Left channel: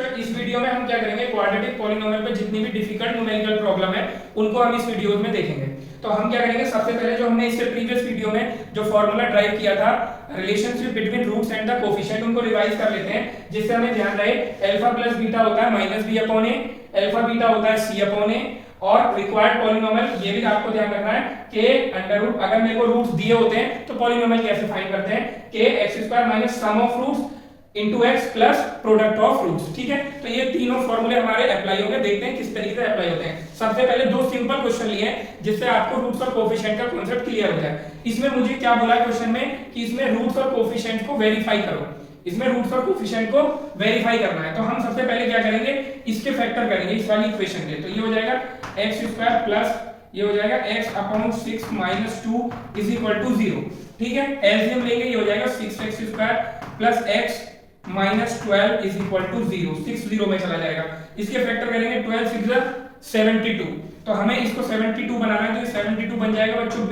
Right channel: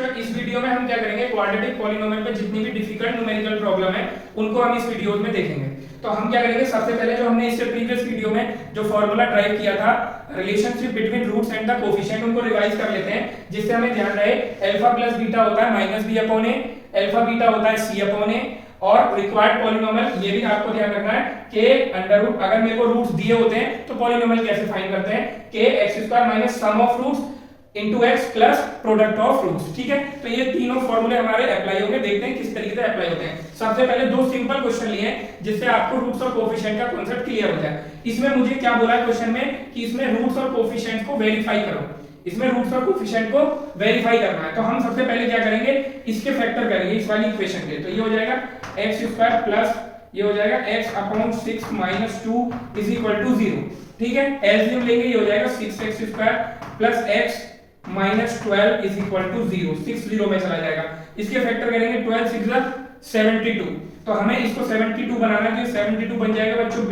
बच्चों इस वीडियो में हम क्या करेंगे, क्वाड्रेटिक पॉलिनोमियल पे जितनी भी डिफिकल्ट न्यूमेरिकल प्रॉब्लम है उनको हम इस वीडियो में देखेंगे। तो हम क्या करेंगे, सबसे पहले जो हमने इससे प्रीवियस वीडियो में जो फॉर्मूला ड्राइव किया था relationship between roots and the coefficient, उनको रिवाइज कर लेते हैं जिससे हमें ध्यान रहे। अल्फा प्लस बीटा होता है माइनस बी अपॉन ए, अल्फा बीटा होता है सी अपॉन ए, और रिक्वायर्ड पॉलिनोमियल ये भी आपको ध्यान रखना है कि अंडर रूट, अगर मेरे को रूट्स दिए होते हैं तो पॉलिनोमियल कैसे फाइंड करते हैं कि x square minus sum of roots into x plus product of roots. ठीक है, तो ये तीनों फॉर्मूले हमारे अप्लाई होंगे, देखते हैं किस तरीके से अप्लाई होते हैं। सबसे पहले दो सिंपल क्वेश्चन लिए हैं जिससे आपको रूट्स और कोफिशिएंट का कांसेप्ट क्लियर हो जाए। इसमें मुझे क्या बोला है क्वेश्चन में कि इसमें रूट्स और कोफिशिएंट को वेरीफाई करो, इसमें रूट्स और कोफिशिएंट को वेरीफाई करना है। तो हम सबसे पहले क्या करेंगे, इसके फैक्टर करेंगे इस वाली इक्वेशन के। तो ये हो जाएगा एक्स स्क्वायर प्लस ये हो जाएगा x upon 6 minus 2 is equal to 0। ठीक है, एलसीएम लेंगे, ये हो जाएगा 6x square plus x minus 12 is equal to 0, 6 0 में चला जाएगा। इसके फैक्टर करेंगे 12 6 72, तो हमें इसको 72 बनाना है, तो 72 बन जाएगा बच्चों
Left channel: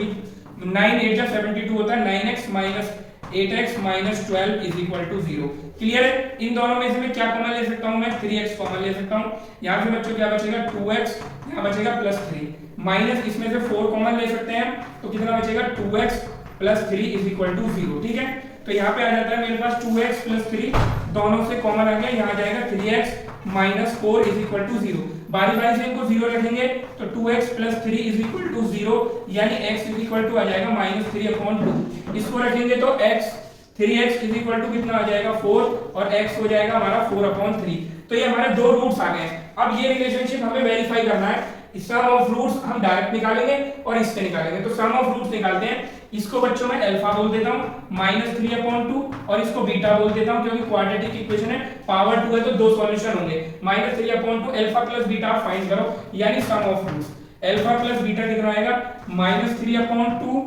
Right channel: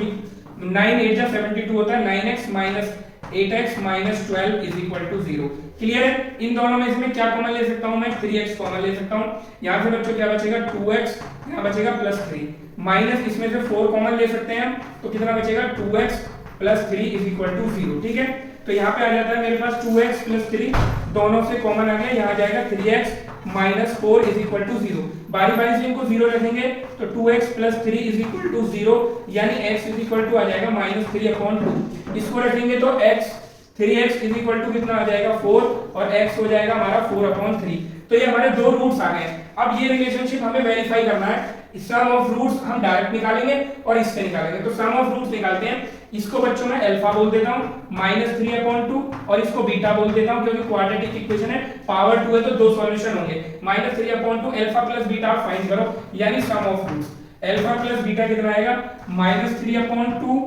9 8 72 होता है, 9x minus 8x minus 12 is equal to 0। Clear है? इन दोनों में से मैं क्या कॉमन ले सकता हूं, मैं 3x कॉमन ले सकता हूं। यहां से बच्चों क्या बचेगा 2x, यहां बचेगा प्लस 3, माइनस इसमें से 4 कॉमन ले सकते हैं, तो कितना बचेगा 2x plus 3 is equal to 0। ठीक है, तो यहाँ पे आ जाता है मेरे पास 2x प्लस 3 दोनों से कॉमन आ गया, यहाँ जाएगा 3x minus 4 is equal to 0। बारी बारी से इनको 0 रखेंगे तो 2x plus 3 is equal to 0, यानी x इज इक्वल टू आ जाएगा माइनस 3 अपॉन 2। इसको रखेंगे तो x 3x is equal to कितना आ जाएगा 4, और x हो जाएगा हमारा 4 अपॉन 3। तो ये हमारे दो रूट्स आ गए। अब ये रिलेशनशिप हमें वेरीफाई करना है। सम ऑफ रूट्स हम डायरेक्ट निकालेंगे और इससे निकालेंगे। तो सम ऑफ रूट्स निकालते हैं। इसको बच्चों मैं अल्फा बोल देता हूं माइनस 3 अपॉन 2, और इसको बीटा बोल देता हूं क्योंकि क्वाड्रेटिक इक्वेशन है, पावर 2 है तो दो सॉल्यूशन होंगे। Minus 3 upon 2 alpha plus beta find करो, यानी sum of roots. Alpha plus beta कितना आएगा minus 3 upon 2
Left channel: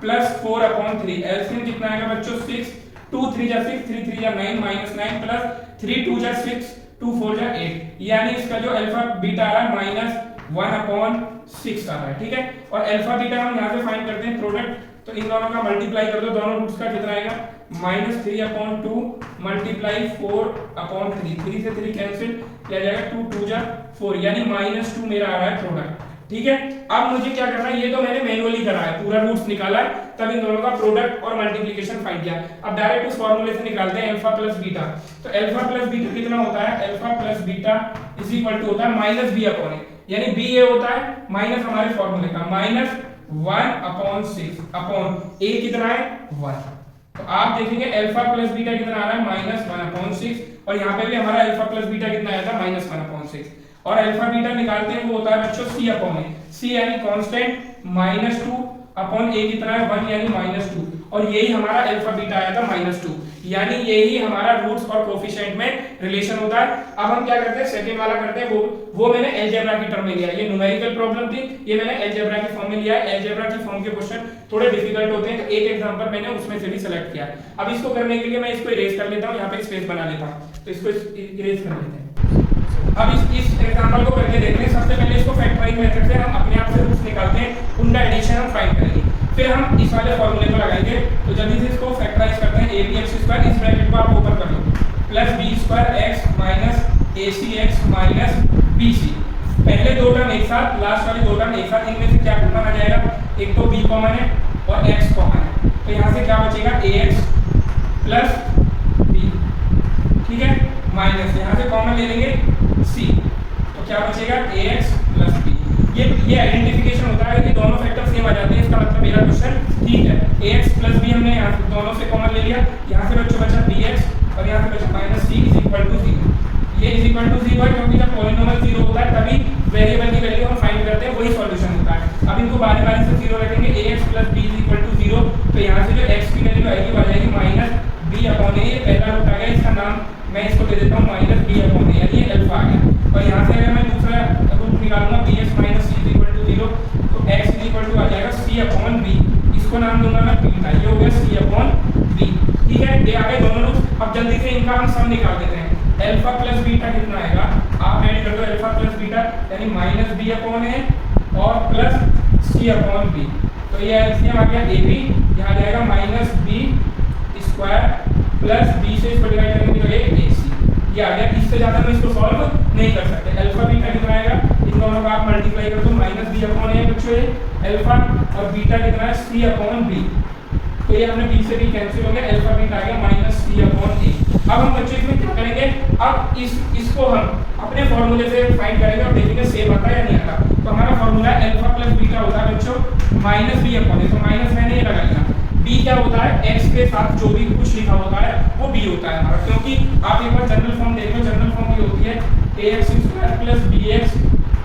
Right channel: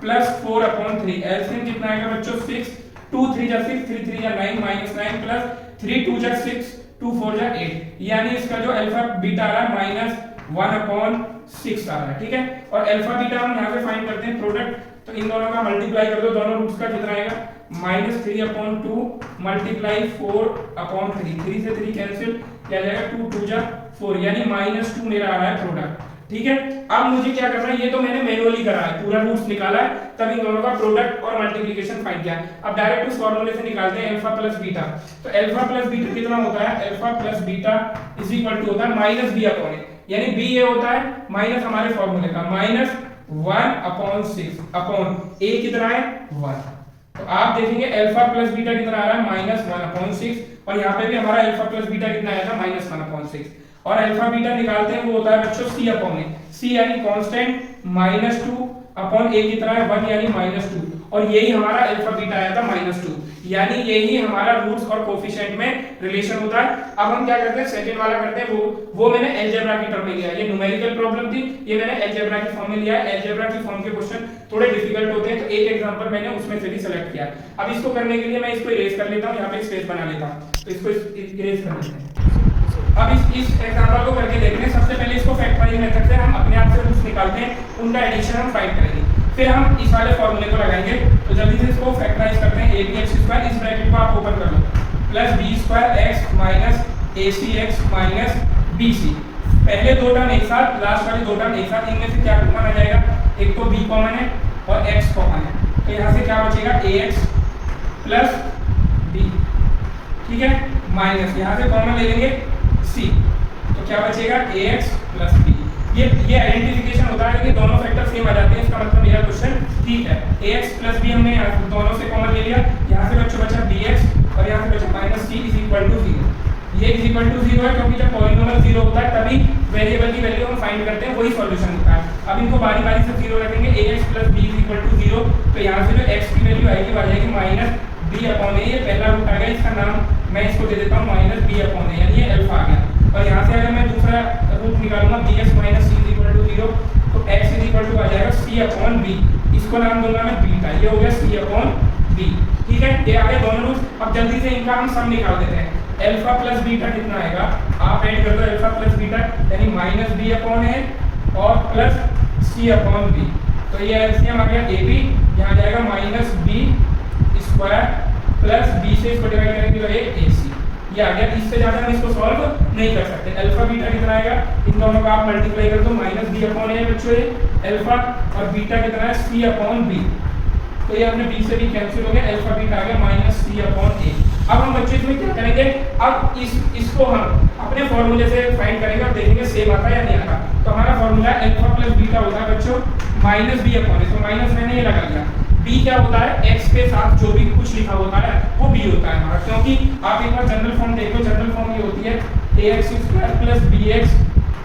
plus 4 upon 3। LCM कितना आएगा बच्चों 6, 2 3 जा 6, 3 3 जा 9, माइनस 9 प्लस 3 2 जा 6, 2 4 जा 8, यानी इसका जो अल्फा बीटा आ रहा है माइनस 1 अपॉन 6 आ रहा है। ठीक है, और अल्फा बीटा हम यहाँ से फाइंड करते हैं प्रोडक्ट, तो इन दोनों का मल्टीप्लाई कर दो, दोनों रूट्स का कितना आएगा माइनस 3 अपॉन 2 मल्टीप्लाई 4 अपॉन 3, 3 से 3 कैंसिल, क्या जाएगा 2 2 जा 4, यानी माइनस 2 मेरा आ रहा है प्रोडक्ट। ठीक है, अब मुझे क्या करना है, ये तो मैंने मैनुअली करा है, पूरा रूट्स निकाला है, तब इन दोनों का प्रोडक्ट और मल्टीप्लिकेशन फाइंड किया। अब डायरेक्ट उस फार्मूले से निकालते हैं अल्फा प्लस बीटा। तो अल्फा प्लस बीटा कितना होता है, alpha plus beta is equal to होता है माइनस बी अपॉन ए, यानी बी ए होता है माइनस हमारे फार्मूले का माइनस 1 अपॉन 6 अपॉन ए कितना है 1। तो आप देखेंगे अल्फा प्लस बीटा कितना आ रहा है माइनस 1 अपॉन 6, और यहाँ पे भी हमारा अल्फा प्लस बीटा कितना आया था माइनस 1 अपॉन 6। और अल्फा बीटा निकालते हैं वो होता है बच्चों सी अपॉन ए, सी यानी कांस्टेंट माइनस 2 अपॉन ए कितना है 1 यानी माइनस 2, और यही हमारा अल्फा बीटा आया था माइनस 2, यानी यही हमारा रूट्स और कोफिशिएंट में रिलेशन होता है। अब हम क्या करते हैं, सेकंड वाला करते हैं, वो मैंने अलजेब्रा की टर्म में लिया। ये न्यूमेरिकल प्रॉब्लम थी, ये मैंने अलजेब्रा की फॉर्म में लिया। अलजेब्रा की फॉर्म के क्वेश्चन थोड़े डिफिकल्ट होते हैं, तो एक एग्जांपल मैंने उसमें से भी सिलेक्ट किया। अब इसको करने के लिए मैं इसको इरेज कर लेता हूं, यहां पे स्पेस बना लेता हूं, तो इसको इरेज कर लेते हैं। अब इस एग्जांपल को करके देखते हैं। सबसे पहले इसको फैक्टराइज मेथड से हम अपने आप से रूट्स निकालते हैं, उनका एडिशन हम फाइंड करेंगे, फिर हम इस वाले फॉर्मूले को लगाएंगे। तो जल्दी से इसको फैक्टराइज करते हैं। abx स्क्वायर इस ब्रैकेट को आप ओपन कर लो, plus b square x minus acx minus bc। पहले दो टर्म एक साथ, लास्ट वाले दो टर्म एक साथ, इनमें से क्या कॉमन आ जाएगा, एक तो b कॉमन है और x कॉमन है, तो यहां से क्या बचेगा ax प्लस b। ठीक है, माइनस यहां से कॉमन ले लेंगे c, तो क्या बचेगा ax प्लस b। ये आइडेंटिफिकेशन होता है कि दोनों फैक्टर सेम आ जाते हैं, इसका मतलब मेरा क्वेश्चन ठीक है। ax प्लस b हमने दोनों से कॉमन ले लिया, यहाँ से बच्चों बचा bx और यहाँ से बचा minus c is equal to 0। ये इज इक्वल टू 0 है क्योंकि जब पॉलिनोमियल 0 होता है तभी वेरिएबल की वैल्यू हम फाइंड करते हैं, वही सॉल्यूशन होता है। अब इनको बारी बारी से 0 रखेंगे, ax plus b is equal to 0, तो यहाँ से जो x की वैल्यू आएगी वो आ जाएगी माइनस b अपॉन a। ये पहला रूट आ गया, इसका नाम मैं इसको दे देता हूँ माइनस b अपॉन a, यानी ये अल्फा आ गया। और यहाँ से अगर मैं दूसरा रूट निकालूंगा bx minus c is equal to 0, तो x इज इक्वल टू आ जाएगा c अपॉन b, इसको नाम दूंगा मैं बीटा, ये हो गया c अपॉन b। ठीक है, ये आ गए दोनों रूट। अब जल्दी से इनका हम सम निकाल देते हैं। अल्फा प्लस बीटा कितना आएगा, आप ऐड कर दो अल्फा प्लस बीटा, यानी माइनस b अपॉन a और प्लस c अपॉन b, तो ये एलसीएम आ गया ab, यहाँ जाएगा minus b square plus b से इसको डिवाइड करेंगे तो ac, ये आ गया। इससे ज्यादा हम इसको सॉल्व नहीं कर सकते। अल्फा बीटा कितना आएगा, इन दोनों का आप मल्टीप्लाई कर दो, माइनस बी अपॉन ए बच्चों ये अल्फा, और बीटा कितना है सी अपॉन बी, तो ये हमने बी से बी कैंसिल हो गया, अल्फा बीटा आ गया माइनस सी अपॉन ए। अब हम बच्चों इसमें क्या करेंगे, अब इसको हम अपने फॉर्मूले से फाइंड करेंगे और देखेंगे सेम आता है या नहीं आता। तो हमारा फॉर्मूला अल्फा प्लस बीटा होता है बच्चों माइनस बी अपॉन ए, तो माइनस मैंने ये लगा लिया। बी क्या होता है, एक्स के साथ जो भी कुछ लिखा होता है वो बी होता है हमारा, क्योंकि आप एक बार जनरल फॉर्म देख लो, जनरल फॉर्म ये होती है ax square plus bx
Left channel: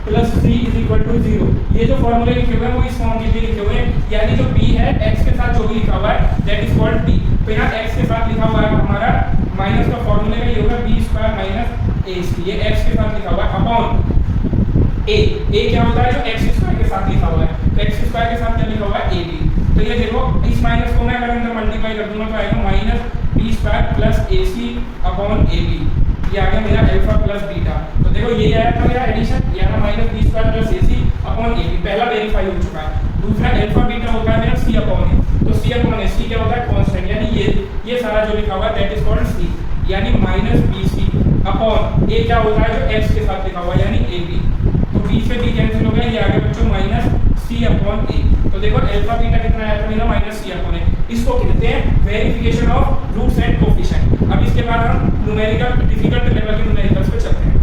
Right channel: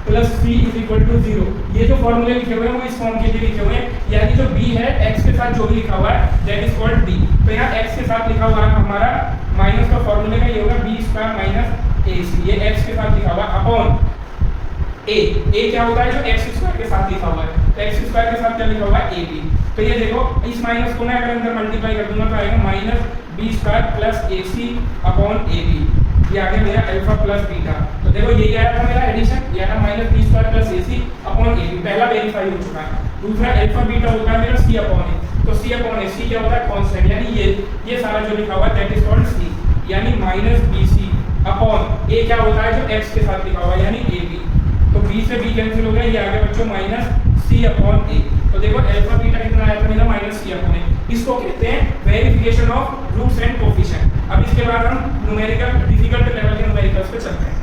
plus c is equal to 0। ये जो फॉर्मूले लिखे हुए हैं वो इस फॉर्म के लिए लिखे हुए हैं, यानी जो b है x के साथ जो भी लिखा हुआ है दैट इज कॉल्ड b। तो यहाँ x के साथ लिखा हुआ है हमारा माइनस का फॉर्मूले का ये होगा b स्क्वायर माइनस ac, ये x के साथ लिखा हुआ है अपॉन a क्या होता है जो x स्क्वायर के साथ लिखा हुआ है, तो x स्क्वायर के साथ क्या लिखा हुआ है ab। तो ये देखो इस माइनस को मैं अगर अंदर मल्टीप्लाई कर दूंगा तो आएगा minus b square plus ac upon ab, ये आ गया मेरा अल्फा प्लस बीटा। तो देखो यही आया था मेरा एडिशन, ये ना minus b square plus ac upon ab, पहला वेरीफाई हो चुका है। दूसरा अल्फा बीटा होता है मेरा c अपॉन a, तो c अपॉन a, c क्या होता है कांस्टेंट, यानी ये सारा जो लिखा हुआ है दैट इज कॉल्ड c, यानी माइनस bc अपॉन a क्या होता है जो x के साथ लिखा हुआ है यानी ab, तो b से b कैंसिल हो गया, ये आ गया बच्चों माइनस c अपॉन a। तो देखो अल्फा बीटा कितना आया था मेरा माइनस c अपॉन a, इसको कहते हैं verification of roots and coefficient. अब इसके बाद हम न्यूमेरिकल डिफिकल्ट लेवल के न्यूमेरिकल्स पे चलते हैं।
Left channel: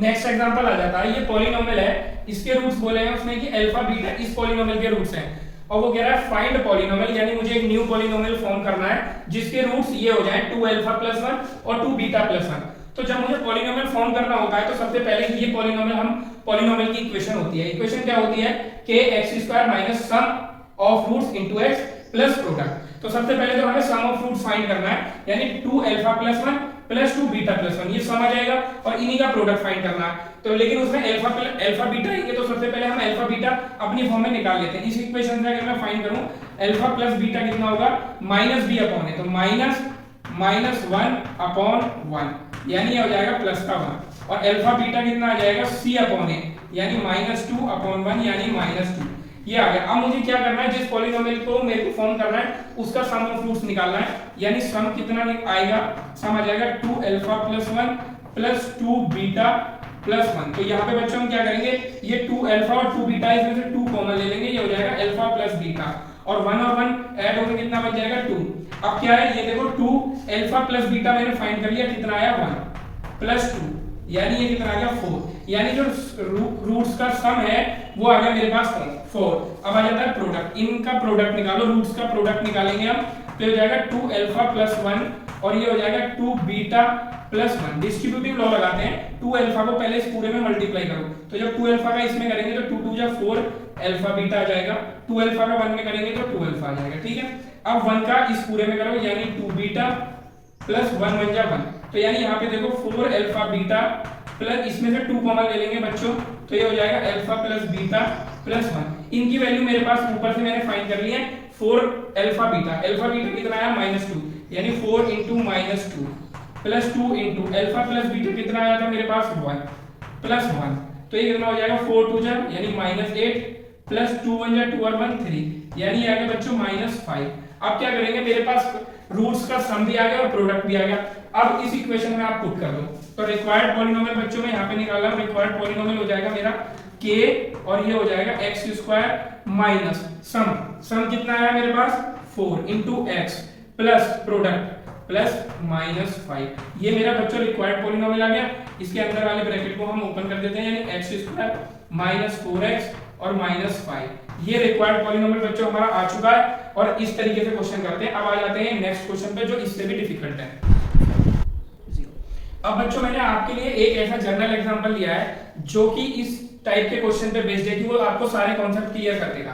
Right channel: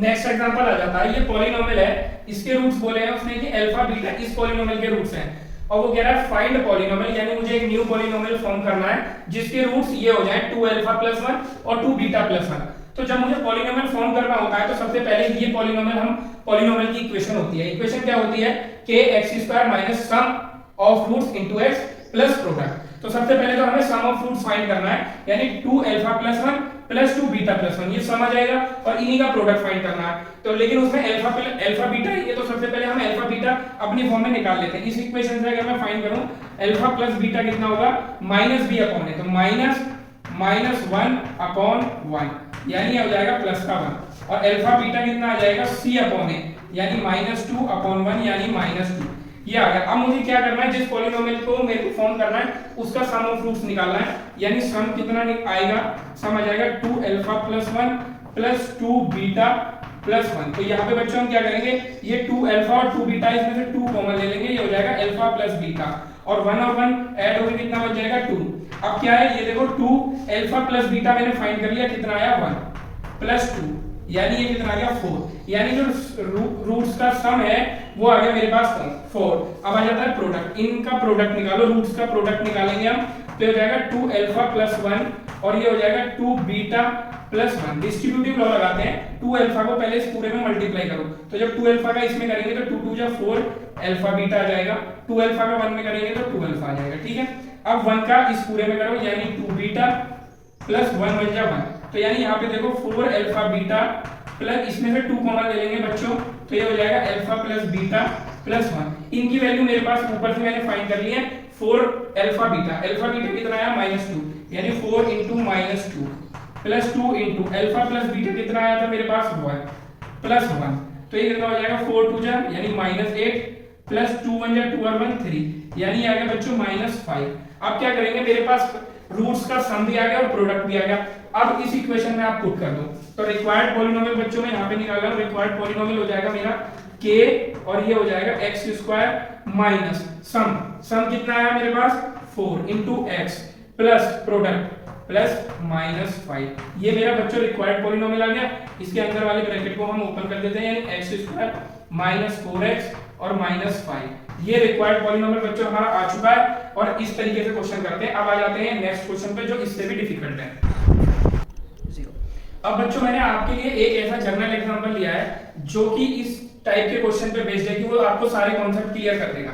नेक्स्ट एग्जांपल आ जाता है, ये पॉलिनोमियल है, इसके रूट्स बोले हैं उसने कि अल्फा बीटा इस पॉलिनोमियल के रूट्स हैं, और वो कह रहा है फाइंड पॉलिनोमियल, यानी मुझे एक न्यू पॉलिनोमियल फॉर्म करना है जिसके रूट्स ये हो जाएं 2 अल्फा प्लस 1 और 2 बीटा प्लस 1। तो जब मुझे पॉलिनोमियल फॉर्म करना होता है तो सबसे पहले ये पॉलिनोमियल हम पॉलिनोमियल की इक्वेशन होती है, इक्वेशन क्या होती है k x² minus sum of roots into x plus product. तो सबसे पहले तो हमें सम ऑफ रूट्स फाइंड करना है, यानी 2 alpha plus 1 plus 2 beta plus 1, ये सम आ जाएगा, और इन्हीं का प्रोडक्ट फाइंड करना है। तो लेकिन उसमें अल्फा बीटा है, तो सबसे पहले हम अल्फा बीटा अपनी फॉर्म में निकाल लेते हैं। इस इक्वेशन से अगर मैं फाइंड करूं अल्फा प्लस बीटा कितना होगा माइनस बी अपॉन ए, तो माइनस 1 अपॉन 1, यानी ये हो जाएगा प्लस का 1, और अल्फा बीटा कितना आ जाएगा c अपॉन ए, यानी माइनस 2 अपॉन 1, यानी माइनस 2, ये आ गया। अब मुझे क्या करना है, जिस पॉलिनोमियल को मेरे को फॉर्म करना है उसका सम ऑफ रूट्स निकालना है, यानी सम कितना आएगा, सम आ जाएगा 2 alpha plus 1 plus 2 beta plus 1। तो यहाँ पे बच्चों हम क्या करेंगे, ये 2 अल्फा और 2 बीटा इसमें से 2 कॉमन ले लेंगे, ये हो जाएगा अल्फा प्लस बीटा, और 1 और 1 ऐड होकर कितना बच जाएगा 2। अब क्या है, ये देखो 2 अल्फा प्लस बीटा मैंने फाइंड कर लिया, कितना आया 1 प्लस 2, यानी ये कितना आ गया 4, यानी जो रूट्स का सम है वो आ गया मेरे पास 4। अब आ जाता है प्रोडक्ट, इनका प्रोडक्ट निकालो, रूट्स का प्रोडक्ट निकालेंगे हम, तो हो जाएगा 2 अल्फा प्लस 1 और ये हो जाएगा 2 बीटा प्लस 1। डिस्ट्रीब्यूटिव लॉ लगाते हैं, 2 अल्फा को पहले इस पूरे में मल्टीप्लाई करो, तो जब 2 अल्फा का इसमें करेंगे तो 2 2 जा 4 अल्फा बीटा आ जाएगा, 2 अल्फा का 1 में करेंगे तो 2 अल्फा आ जाएगा, ठीक है। अब 1 का इस पूरे में करो, यानी 2 बीटा प्लस 1 बन जा 1, तो यानी यहाँ पे देखो 4 अल्फा बीटा प्लस इसमें से 2 कॉमन ले लेंगे बच्चों, तो ये हो जाएगा अल्फा प्लस बीटा प्लस 1। इनकी वैल्यू मेरे पास ऊपर से मैंने फाइंड कर ली है, 4 अल्फा बीटा कितना आया -2, यानी 4 into -2 plus 2 into alpha plus beta कितना आया था मेरे पास 1 प्लस 1, तो ये कितना हो जाएगा 4 2 जा यानी -8 प्लस 2 1 जा 2 और 1 3, यानी आ गया बच्चों -5। अब क्या करेंगे, मेरे पास रूट्स का सम भी आ गया और प्रोडक्ट भी आ गया। अब इस इक्वेशन में आप पुट कर दो, तो रिक्वायर्ड पॉलिनोमियल बच्चों में यहाँ पे निकाला, रिक्वायर्ड पॉलिनोमियल हो जाएगा मेरा k और ये हो जाएगा x² माइनस सम कितना आया मेरे पास 4 into x plus product plus -5, ये मेरा बच्चों रिक्वायर्ड पॉलिनोमियल आ गया। इसके अंदर वाले ब्रैकेट को हम ओपन कर देते हैं, यानी x² माइनस 4x और -5, ये रिक्वायर्ड पॉलिनोमियल बच्चों हमारा आ चुका है। और इस तरीके से क्वेश्चन करते हैं। अब आ जाते हैं नेक्स्ट क्वेश्चन पे जो इससे भी डिफिकल्ट है। अब बच्चों मैंने आपके लिए एक ऐसा जनरल एग्जांपल लिया है जो कि इस टाइप के क्वेश्चन पे बेस्ड है कि वो आपको सारे कॉन्सेप्ट क्लियर कर देगा।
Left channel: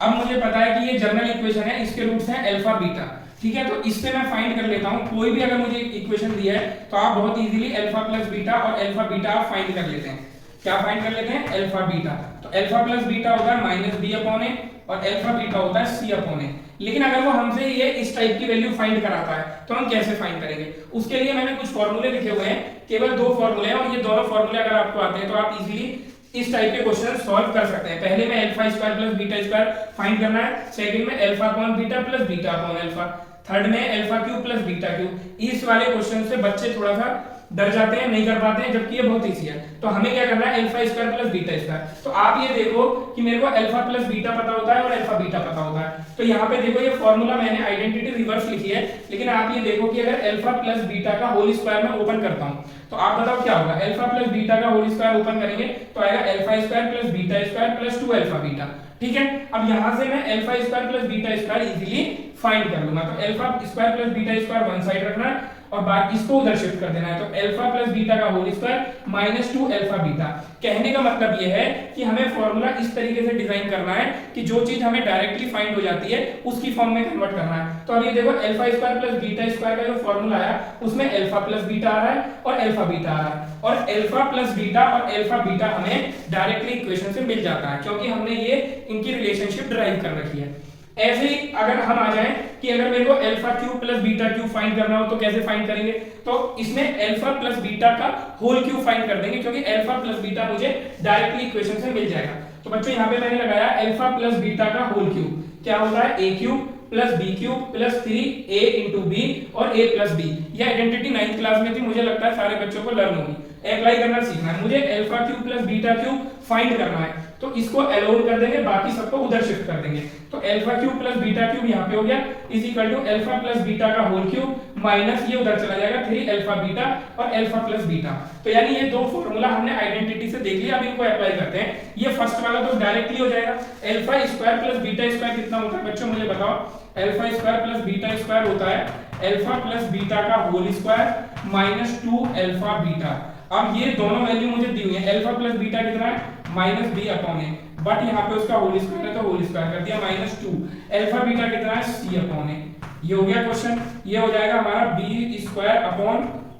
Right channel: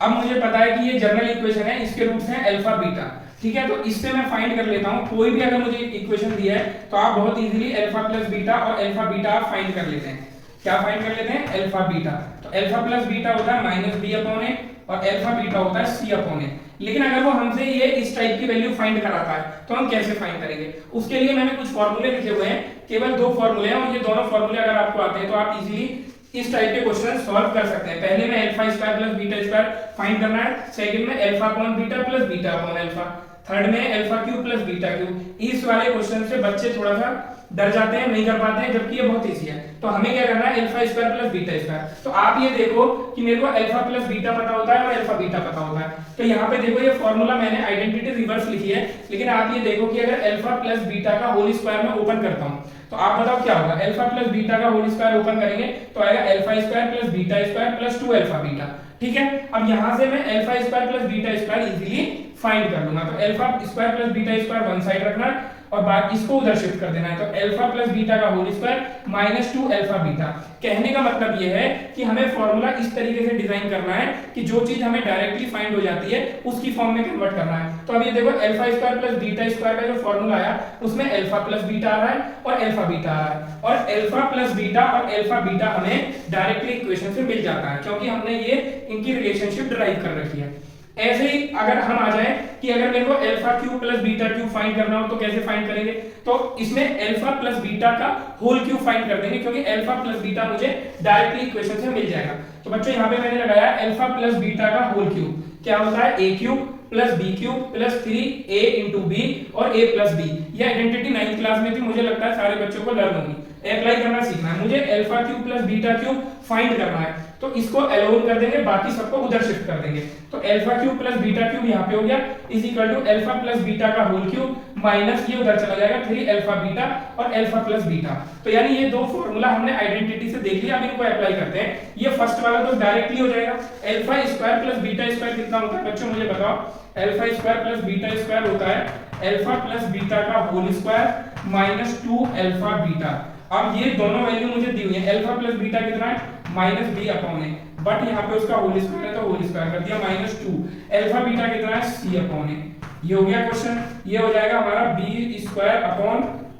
अब मुझे पता है कि ये जनरल इक्वेशन है, इसके रूट्स हैं अल्फा बीटा, ठीक है। तो इससे मैं फाइंड कर लेता हूं, कोई भी अगर मुझे इक्वेशन दिया है तो आप बहुत इजीली अल्फा प्लस बीटा और अल्फा बीटा आप फाइंड कर लेते हैं। क्या फाइंड कर लेते हैं, अल्फा बीटा। तो अल्फा प्लस बीटा होता है -b अपॉन a और अल्फा बीटा होता है c अपॉन a। लेकिन अगर वो हमसे ये इस टाइप की वैल्यू फाइंड कराता है तो हम कैसे फाइंड करेंगे, उसके लिए मैंने कुछ फॉर्मूले लिखे हुए हैं, केवल 2 फॉर्मूले हैं, और ये दोनों फॉर्मूले अगर आपको आते हैं तो आप इजीली इस टाइप के क्वेश्चन सॉल्व कर सकते हैं। पहले में alpha square plus beta square find करना है, सेकंड में alpha upon beta plus beta upon alpha. Third में alpha cube plus beta cube. इस वाले क्वेश्चन से बच्चे थोड़ा सा डर जाते हैं, नहीं कर पाते हैं, जबकि ये बहुत इजी है। तो हमें क्या करना है, alpha square plus beta square. तो आप ये देखो कि मेरे को अल्फा प्लस बीटा पता होता है और अल्फा बीटा पता होता है। तो यहाँ पे देखो ये फॉर्मूला मैंने आइडेंटिटी रिवर्स लिखी है, लेकिन आप ये देखो कि अगर अल्फा प्लस बीटा का होल स्क्वायर मैं ओपन करता हूँ तो आप बताओ क्या होगा। अल्फा प्लस बीटा का होल स्क्वायर ओपन करेंगे तो आएगा alpha square plus beta square plus 2 alpha beta. ठीक है, अब यहाँ से मैं alpha square plus beta square easily find कर लूंगा। तो alpha square plus beta square one side रखना है और बाद इसको उधर शिफ्ट कर देना है। तो अल्फा प्लस बीटा का whole square minus 2 alpha beta. कहने का मतलब यह है कि हमें फॉर्मूला इस तरीके से डिजाइन करना है कि जो चीज हमें डायरेक्टली फाइंड हो जाती है उसकी फॉर्म में कन्वर्ट करना है। तो अब ये देखो alpha square plus beta square का जो फॉर्मूला आया उसमें अल्फा प्लस बीटा आ रहा है और अल्फा बीटा आ रहा है, और अल्फा प्लस बीटा और अल्फा बीटा हमें डायरेक्टली इक्वेशन से मिल जाता है क्योंकि हमने ये इनकी रिलेशनशिप डिराइव कर रखी है। ऐसे ही अगर हम आ जाएं कि अगर मेरे को alpha cube plus beta cube find करना हो तो कैसे फाइंड करेंगे, तो इसमें अल्फा प्लस बीटा का होल क्यूब फाइंड कर देंगे क्योंकि अल्फा प्लस बीटा मुझे डायरेक्टली इक्वेशन से मिल जाएगा। तो बच्चों यहाँ पे मैंने लगाया अल्फा प्लस बीटा का होल क्यूब, क्या होता है a cube plus b cube plus 3a into b और a प्लस बी। ये आइडेंटिटी 9th क्लास में थी, मुझे लगता है सारे बच्चों को लर्न होगी, अप्लाई करना सीखना है। मुझे alpha cube plus beta cube find करना है तो इसको अलोन कर देंगे, बाकी सबको उधर शिफ्ट कर देंगे। तो alpha cube plus beta cube यहाँ पे हो गया is equal to alpha plus beta का होल क्यूब माइनस ये उधर चला जाएगा 3 अल्फा बीटा और अल्फा प्लस बीटा। तो यानी ये दो फॉर्मूला हमने आइडेंटिटी से देख लिया, अब इनको अप्लाई करते हैं। ये फर्स्ट वाला तो डायरेक्टली हो जाएगा, alpha square plus beta square कितना होता है बच्चों मुझे बताओ। Alpha square plus beta square होता है अल्फा प्लस बीटा का whole square minus 2 alpha beta. अब ये दोनों वैल्यू मुझे दी हुई है, अल्फा प्लस बीटा कितना है minus b upon a, but यहाँ पे उसका होल स्क्वायर है तो होल स्क्वायर कर दिया माइनस 2। अल्फा बीटा कितना है सी अपॉन ए। ये हो गया क्वेश्चन, ये हो जाएगा हमारा B square upon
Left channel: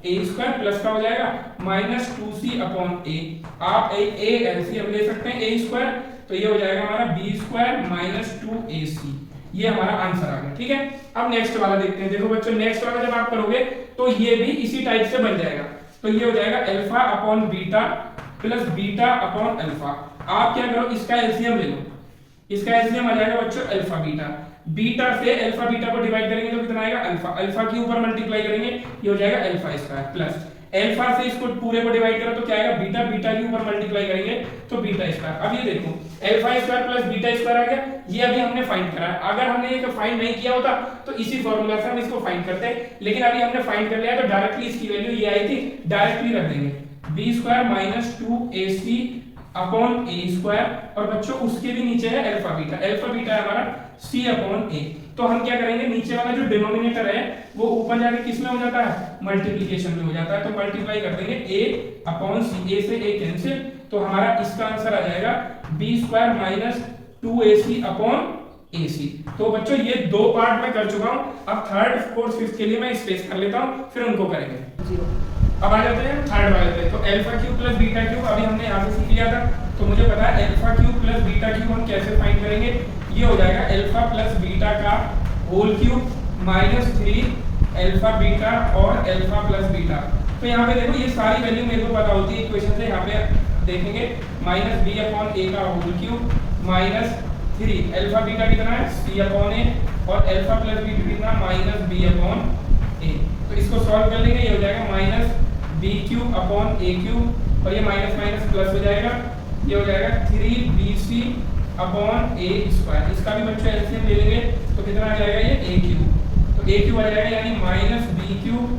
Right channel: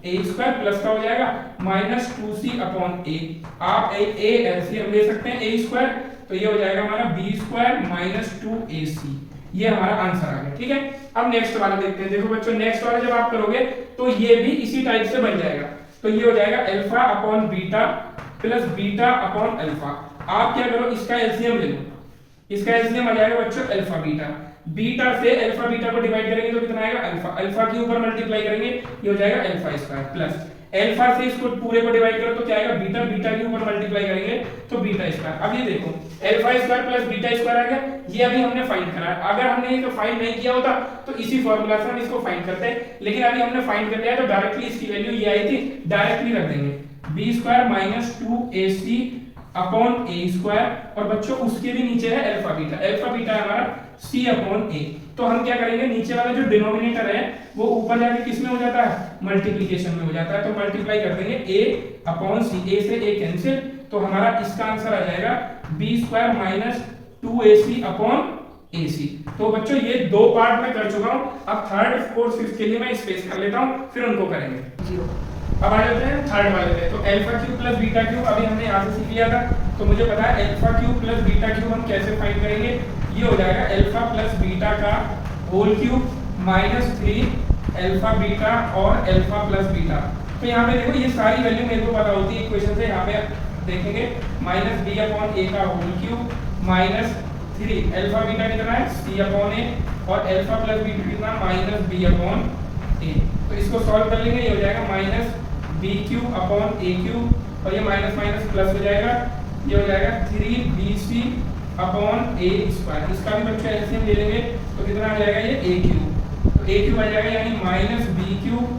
a square plus का हो जाएगा माइनस 2c अपॉन ए। आप ए एलसीएम ले सकते हैं ए स्क्वायर, तो ये हो जाएगा हमारा बी स्क्वायर माइनस 2ac। ये हमारा आंसर आ गया। ठीक है, अब नेक्स्ट वाला देखते हैं। देखो बच्चों नेक्स्ट वाला जब आप करोगे तो ये भी इसी टाइप से बन जाएगा। तो ये हो जाएगा alpha upon beta plus beta upon alpha. आप क्या करो इसका एलसीएम ले लो, इसका एलसीएम आ जाएगा बच्चों अल्फा बीटा। बीटा से अल्फा बीटा को डिवाइड करेंगे तो कितना आएगा अल्फा, अल्फा के ऊपर मल्टीप्लाई करेंगे ये हो जाएगा अल्फा स्क्वायर प्लस अल्फा से इसको पूरे को डिवाइड करो तो क्या आएगा बीटा, बीटा के ऊपर मल्टीप्लाई करेंगे तो बीटा स्क्वायर। अब ये देखो alpha square plus beta square आ गया, ये अभी हमने फाइंड करा है। अगर हमने ये फाइंड नहीं किया होता तो इसी फॉर्मूला से हम इसको फाइंड करते हैं, लेकिन अभी हमने फाइंड कर लिया तो डायरेक्टली इसकी वैल्यू ये आई थी, डायरेक्टली रख देंगे b square minus 2ac upon a square, और बच्चों उसके भी नीचे है अल्फा बीटा, अल्फा बीटा है हमारा c अपॉन ए। तो हम क्या करेंगे नीचे वाला जो डिनोमिनेटर है वो ऊपर जाके किस में हो जाता है मल्टीप्लिकेशन में हो जाता है, तो मल्टीप्लाई कर देंगे a अपॉन c, a से a कैंसिल, तो हमारा इसका आंसर आ जाएगा b square minus 2ac upon ac। तो बच्चों ये दो पार्ट में कर चुका हूं, अब थर्ड फोर्थ फिफ्थ के लिए मैं स्पेस कर लेता हूं, फिर उनको करेंगे। अब आ जाते हैं थर्ड वाले पे। तो alpha cube plus beta cube अभी हमने यहाँ से सीख लिया था, तो मुझे पता है alpha cube plus beta cube हम कैसे फाइंड करेंगे। ये हो जाएगा अल्फा प्लस बीटा का whole cube minus 3 alpha beta और अल्फा प्लस बीटा। तो यहाँ पे देखो ये सारी वैल्यू मेरे को पता होती है इक्वेशन से, यहाँ पे देखेंगे माइनस बी अपॉन ए का whole cube minus 3 alpha beta कितना है c अपॉन ए और अल्फा प्लस बीटा कितना माइनस बी अपॉन ए। तो इसको सॉल्व कर लेंगे, ये हो जाएगा minus b cube upon a cube और ये माइनस माइनस प्लस हो जाएगा, ये हो जाएगा 3bc अपॉन ए स्क्वायर। इसका भी बच्चा एलसीएम ले लेंगे तो कितना आ जाएगा ये a क्यूब, तो a क्यूब आ जाएगा यानी minus b cube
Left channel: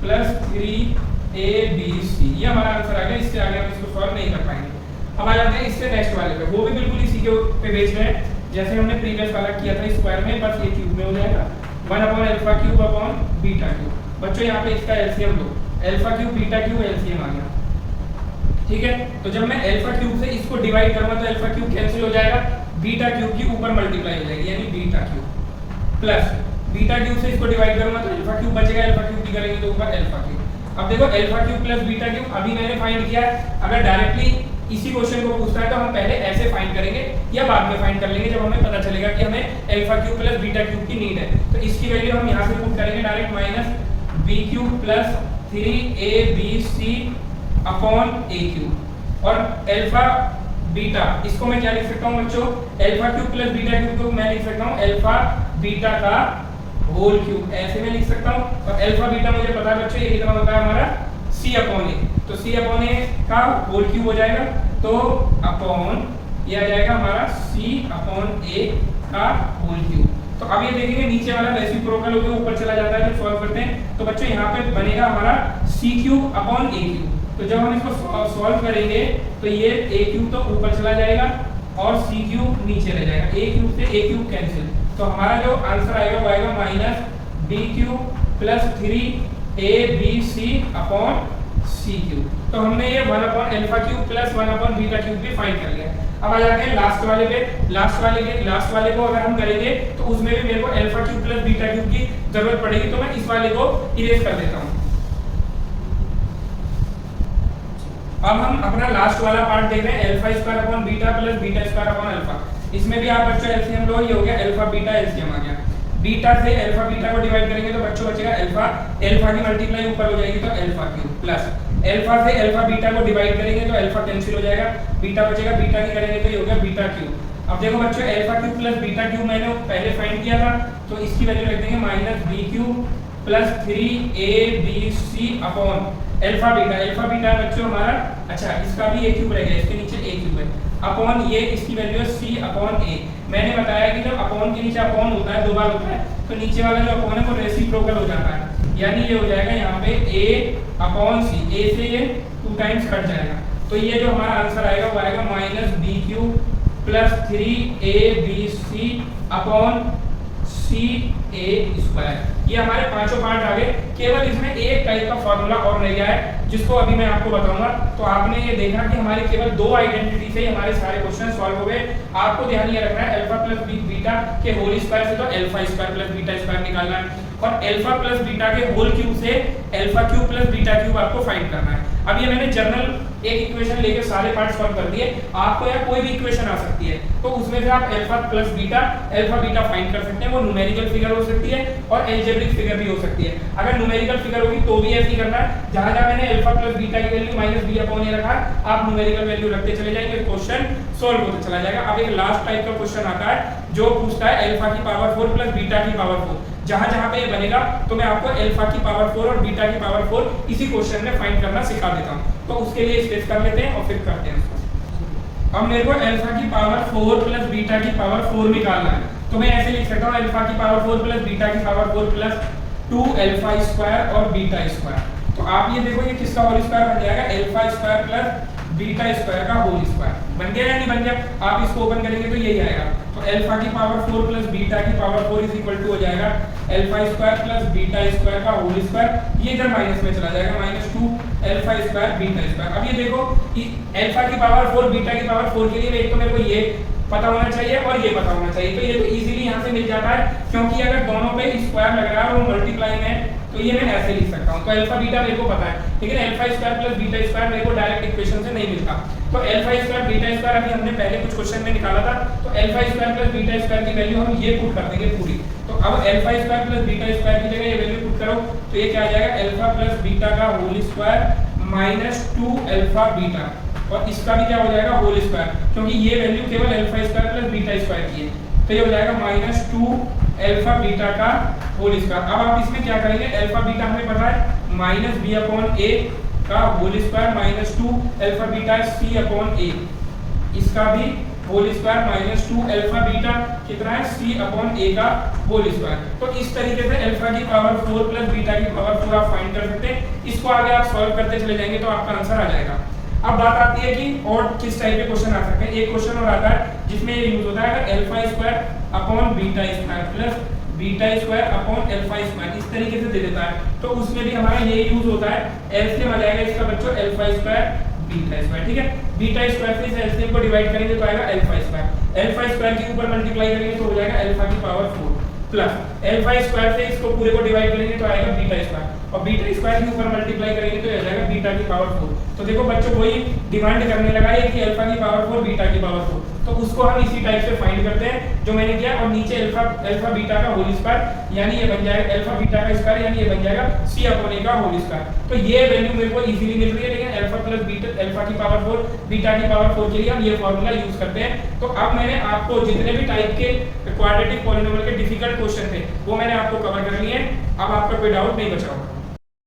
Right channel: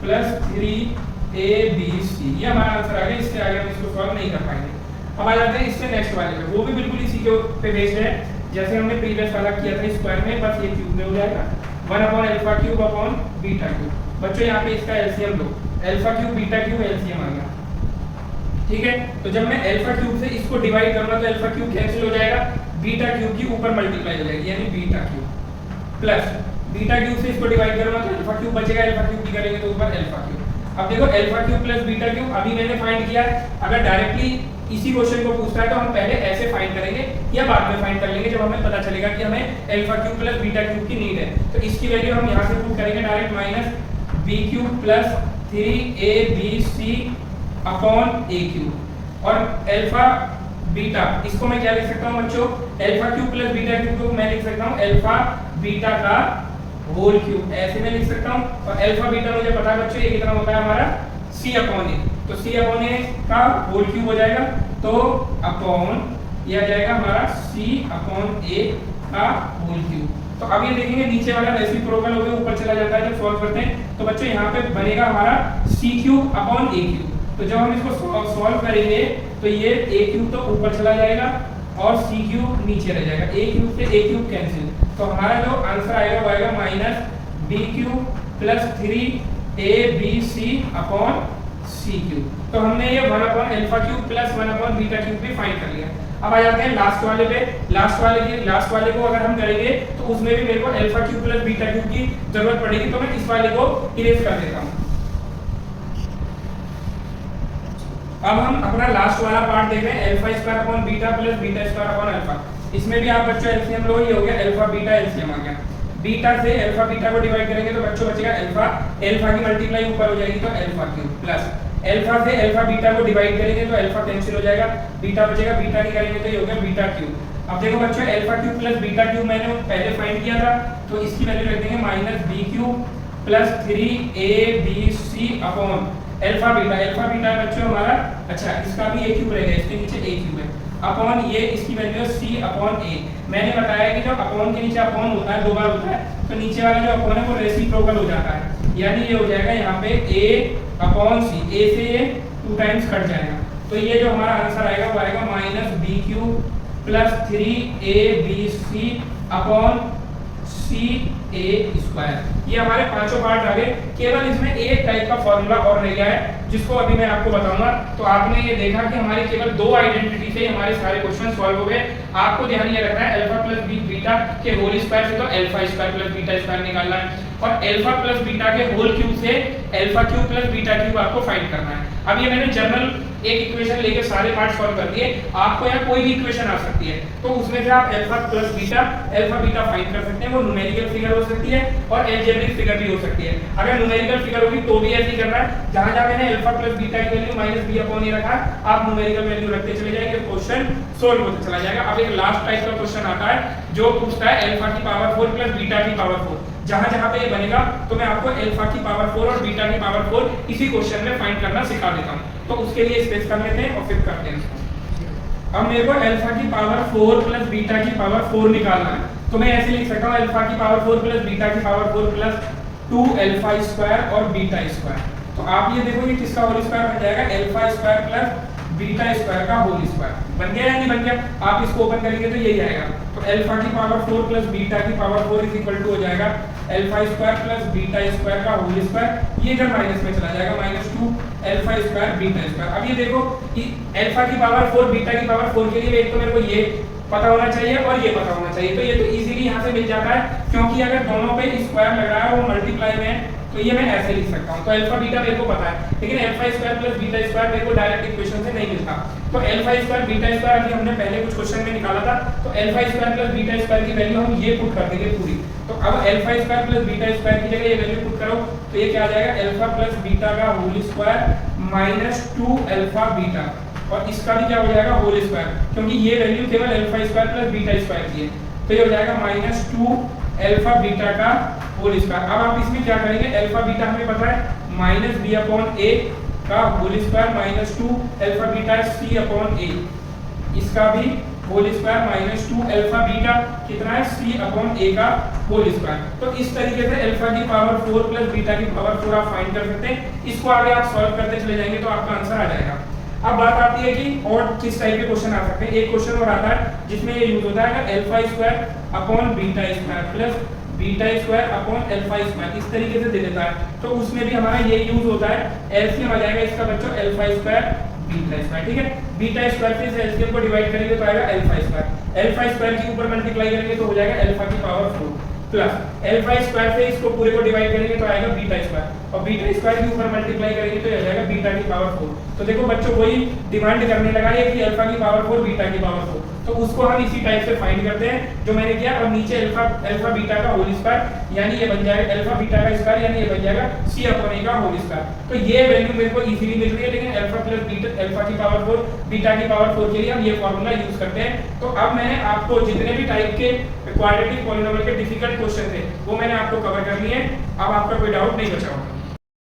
plus 3abc। ये हमारा आंसर आ गया, इससे आगे हम इसको सॉल्व नहीं कर पाएंगे। अब आ जाते हैं इससे नेक्स्ट वाले पे, वो भी बिल्कुल इसी के पे बेस्ड है जैसे हमने प्रीवियस वाला किया था स्क्वायर में, बस ये क्यूब में हो जाएगा 1 upon alpha cube upon beta cube. बच्चों यहाँ पे इसका एलसीएम लो, alpha cube beta cube LCM आ गया। ठीक है, तो जब मैं अल्फा क्यूब से इसको डिवाइड करूंगा तो अल्फा क्यूब कैंसिल हो जाएगा, बीटा क्यूब की ऊपर मल्टीप्लाई हो जाएगी यानी beta cube plus beta cube से इसको डिवाइड करूंगा तो अल्फा क्यूब बचेगा, अल्फा क्यूब की करेंगे तो ऊपर अल्फा क्यूब। अब देखो alpha cube plus beta cube अभी मैंने फाइंड किया है, अगर डायरेक्टली इसी क्वेश्चन को पूछता है तो हम पहले ऐसे फाइंड करेंगे या बाद में फाइंड कर लेंगे जब हमें पता चलेगा कि हमें alpha cube plus beta cube की नीड है। तो इसकी वैल्यू हम यहाँ से पुट करेंगे direct minus b cube plus 3abc upon a cube और अल्फा बीटा इसको मैं क्या लिख सकता हूँ बच्चों, alpha cube plus beta cube को मैं लिख सकता हूँ अल्फा बीटा का होल क्यूब, ऐसे में लिख सकता हूँ। और अल्फा बीटा मुझे पता है बच्चों ये कितना होता है हमारा c/a, तो c/a का होल क्यूब हो जाएगा, तो अपॉन ये आ जाएगा हमारा c/a का होल क्यूब। तो अब ये देखेंगे नीचे वाला रेसिप्रोकल होकर ऊपर चला जाता है जब सॉल्व करते हैं, तो बच्चों यहाँ पे बनेगा हमारा c³/a³। तो जब हम इसको सॉल्व करेंगे तो ये a³ तो ऊपर चला जाएगा और c³ नीचे रह जाएगा, a³ से a³ कैंसिल, तो हमारा जो आंसर आएगा वो आएगा -b³ + 3abc/c³। तो हमने ये 1/α³ + 1/β³ भी फाइंड कर लिया। अब आ जाते हैं लास्ट वाले पे। लास्ट वाले को अगर हम करेंगे तो उसमें भी मेरे को α³ + β³ की जरूरत पड़ेगी, तो मैं इस वाले को इरेज कर देता हूं। अब हम अपना लास्ट वाला पार्ट देख रहे हैं, α² + β + β² α। इसमें भी आप बच्चों एलसीएम लो, ये हो गया अल्फा बीटा एलसीएम आ गया। बीटा से अल्फा बीटा को डिवाइड करेंगे तो बच्चों बचेगा अल्फा की मल्टीप्लाई ऊपर हो जाएगी तो α³ प्लस अल्फा से अल्फा बीटा को डिवाइड करेंगे तो अल्फा कैंसिल हो जाएगा, बीटा बचेगा, बीटा की करेंगे तो ये हो गया β³। अब देखो बच्चों α³ + β³ मैंने पहले फाइंड किया था, तो इसकी वैल्यू रख देंगे -b³ + 3abc/ अल्फा बीटा है बच्चों हमारा, अच्छा इसका भी a³ रहेगा, इसके नीचे a³ है, अपॉन ये इसकी वैल्यू है c/a। मैंने बताया कि जो अपॉन के नीचे अपॉन होता है 2 बार होता है, तो नीचे वाला जो अपॉन है वो रेसिप्रोकल हो जाता है, यानी ये हो जाएगा यहाँ पे a/c, a से ये 2 टाइम्स कट जाएगा, तो ये जो हमारा आंसर आएगा वो आएगा -b³ + 3abc/ca²। ये हमारे पांचों पार्ट आ गए। केवल इसमें एक टाइप का फॉर्मूला और रह गया है जिसको अभी मैं आपको बताऊंगा। तो आपने ये देखा कि हमारे केवल 2 आइडेंटिटी से हमारे सारे क्वेश्चन सॉल्व हो गए। आपको ध्यान ये रखना है अल्फा प्लस बीटा के होल स्क्वायर से तो α² + β² निकालना है, और अल्फा प्लस बीटा के होल क्यूब से α³ + β³ आपको फाइंड करना है। अब ये मैंने जनरल एक इक्वेशन लेके सारे पार्ट सॉल्व कर दिए। आपको या कोई भी इक्वेशन आ सकती है, तो उसमें से आप अल्फा बीटा फाइंड कर सकते हैं। वो न्यूमेरिकल फिगर हो सकती है और अलजेब्रिक फिगर भी हो सकती है। अगर न्यूमेरिकल फिगर होगी तो भी ऐसे ही करना है, जहां जहां मैंने अल्फा प्लस बीटा की वैल्यू -b/a रखा, आप न्यूमेरिकल वैल्यू रखते चले जाएंगे, क्वेश्चन सॉल्व होते चला जाएगा। अब एक लास्ट टाइप का क्वेश्चन आता है जो पूछता है अल्फा की पावर 4 + बीटा की पावर 4। जहां जहां पे ये बनेगा तो मैं आपको अल्फा की पावर 4 और बीटा की पावर 4 इसी क्वेश्चन में फाइंड करना सिखा देता हूं। तो उसके लिए स्केच कर लेते हैं और फिर करते हैं इसको। अब मेरे को अल्फा की पावर 4 + बीटा की पावर 4 निकालना है, तो मैं ऐसे लिख सकता हूं अल्फा की पावर 4 + बीटा की पावर 4 + 2α² और β²। तो आप ये देखो ये किसका होल स्क्वायर बन जाएगा, α² + β² का होल स्क्वायर बन गया या नहीं बन गया। आप इसको ओपन करेंगे तो यही आएगा। तो अल्फा की पावर 4 + बीटा की पावर 4 = हो जाएगा α² + β² का होल स्क्वायर। ये इधर माइनस में चला जाएगा, -2 α² β²। अब ये देखो अल्फा की पावर 4 बीटा की पावर 4 के लिए एक तो मेरे को ये पता होना चाहिए और ये पता होना चाहिए, तो ये तो इजीली यहाँ से मिल जाता है, क्योंकि अगर दोनों पे स्क्वायर लग रहा है और वो मल्टीप्लाई में, तो ये मैं ऐसे लिख सकता हूँ। तो अल्फा बीटा मेरे को पता है, लेकिन α² + β² मेरे को डायरेक्ट इक्वेशन से नहीं मिलता। तो α² β² अभी हमने पहले कुछ क्वेश्चन में निकाला था, तो α² + β² की वैल्यू हम ये पुट कर देंगे पूरी। तो अब α² + β² की जगह ये वैल्यू पुट करो तो ये क्या आ जाएगा, अल्फा प्लस बीटा का होल स्क्वायर -2 α बीटा, और इसका भी क्या हो जाएगा होल स्क्वायर, क्योंकि ये वैल्यू केवल α² + β² की है, तो ये हो जाएगा -2 α बीटा का होल स्क्वायर। अब आप इसमें क्या करेंगे, अल्फा बीटा हमें पता है -b/a का whole square -2 alpha beta c/a, इसका भी होल स्क्वायर -2 अल्फा बीटा कितना है c/a का होल स्क्वायर। तो इस तरीके से अल्फा की पावर 4 + बीटा की पावर 4 आप फाइंड कर सकते हैं। इसको आगे आप सॉल्व करते चले जाएंगे तो आपका आंसर आ जाएगा। अब बात आती है कि और किस टाइप के क्वेश्चन आ सकते हैं। एक क्वेश्चन और आता है जिसमें ये यूज होता है α² / β² + β² / α², इस तरीके से दे देता है, तो उसमें भी हमारा ये यूज होता है। एलसीएम आ जाएगा इसका बच्चों α² β², ठीक है। β² से इस एलसीएम को डिवाइड करेंगे तो आएगा α² के ऊपर मल्टीप्लाई करेंगे तो हो जाएगा अल्फा की पावर 4 प्लस α² से इसको पूरे को डिवाइड करेंगे तो आएगा β², और β² के ऊपर मल्टीप्लाई करेंगे तो आ जाएगा बीटा की पावर 4। तो देखो बच्चों वही डिमांड करने लगा है कि अल्फा की पावर 4 बीटा की पावर 4, तो उसको हम इसी टाइप से फाइंड करते हैं जो मैंने किया, और नीचे अल्फा बीटा का होल स्क्वायर यानी ये बन जाएगा अल्फा बीटा का स्क्वायर यानी ये बन जाएगा c अपॉन a का होल स्क्वायर। तो ये वैल्यू मेरे को इजीली मिल रही है, लेकिन अल्फा प्लस बीटा अल्फा की पावर 4 बीटा की पावर 4 के लिए हम ये फार्मूला यूज करते हैं। तो अब मैंने आपको जितने भी टाइप के क्वाड्रेटिक पॉलिनोमियल के डिफिकल्ट क्वेश्चन थे वो मैंने आपको कवर कर लिए हैं। अब आपका कोई डाउट नहीं बचा होगा।